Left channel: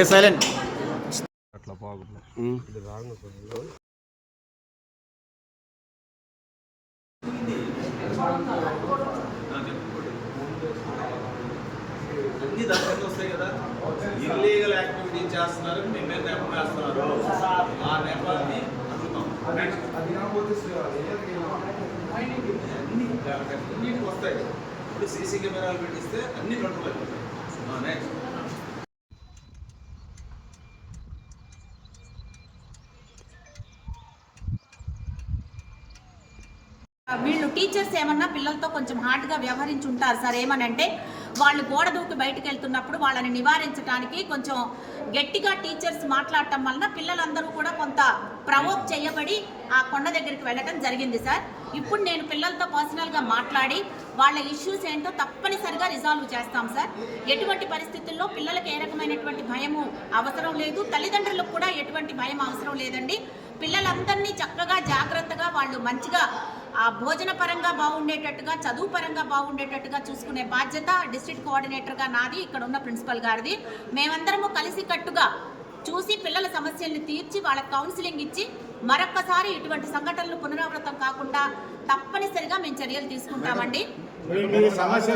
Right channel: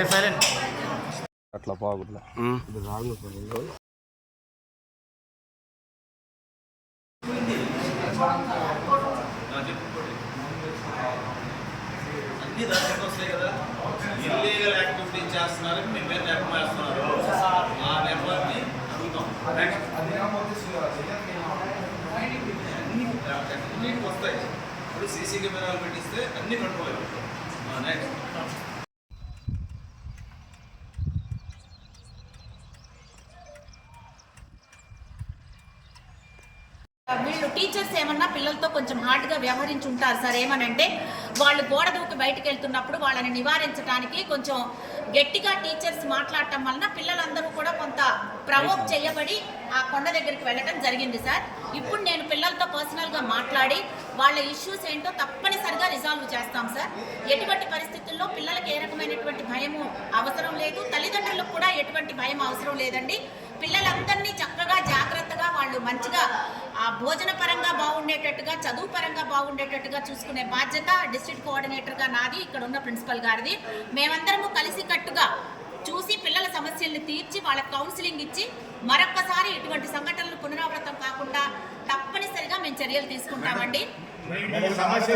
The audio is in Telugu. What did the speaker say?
ఏ సైలెంట్ అట్లా బాగుంది. అన్ని దాంట్లో వస్తాయి కదా. ఇల్లీగల్ యాక్టివిటీ చేస్తున్నారని మీ మీద నెపం వేస్తున్నారు. ఆ నెపాన్ని అడుగుతాం. అన్ని అన్నిటికి వస్తాయి. ఇప్పుడు సీసీ కెమెరాలు పెట్టిస్తే అన్ని కంట్రోల్ అయిపోతాయి. నెక్స్ట్ వీళ్ళు టీచర్స్ ఏమన్నా పిల్లలతో కొంచెం హార్డ్గా వ్యవహరించి ఉంటారు సార్ ఏమనంటే వాళ్ళు గోడ దూకి బయటకు వెళ్తున్నప్పుడు వాళ్ళని నివారించడానికి కొంచెం గట్టిగా టీచర్స్ మాట్లాడటం వలన పిల్లలందరూ కూడా కొంత ప్రవోక్ చేయబడి ఆ కొండ దగ్గరికి వెళ్ళటం జరిగింది సార్. ఇప్పుడు నేను పిల్లలతో పర్సనల్గా మాట్లాడి వాళ్ళ ఇష్యూస్ ఏంటో తప్పనిసరిగా రిజాల్వ్ చేస్తాం సార్. ఎటువంటి పరిస్థితుల్లో పిల్లలకు ఏ రకమైనటువంటి భయము అవసరం లేదు. తల్లిదండ్రులకు కూడా ఎటువంటి భయం అవసరం లేదండి. పిల్లలందరినీ చక్కగా జాగ్రత్తగా వాళ్ళు మంచిగా ఆ భోజన పరంగా బాగుండేటట్టుగా చదువు పరంగా బాగుండేటట్టుగా చూసుకునే బాధ్యత డిస్ట్రిక్ట్ కోఆర్డినేటర్గా నాది ఇక్కడ ఉన్న ప్రిన్సిపల్ గారిది. మేమందరము కలిసి కట్టుగా చూసి పిల్లల సమస్యల్ని తీర్చి వాళ్ళకి కౌన్సిలింగ్ ఇచ్చి మరొక్కసారి ఇటువంటి సంఘటనలు పునరావృతం కాకుండా తప్పనిసరిగా మేము చర్యలు తీసుకుంటామండి. సమస్య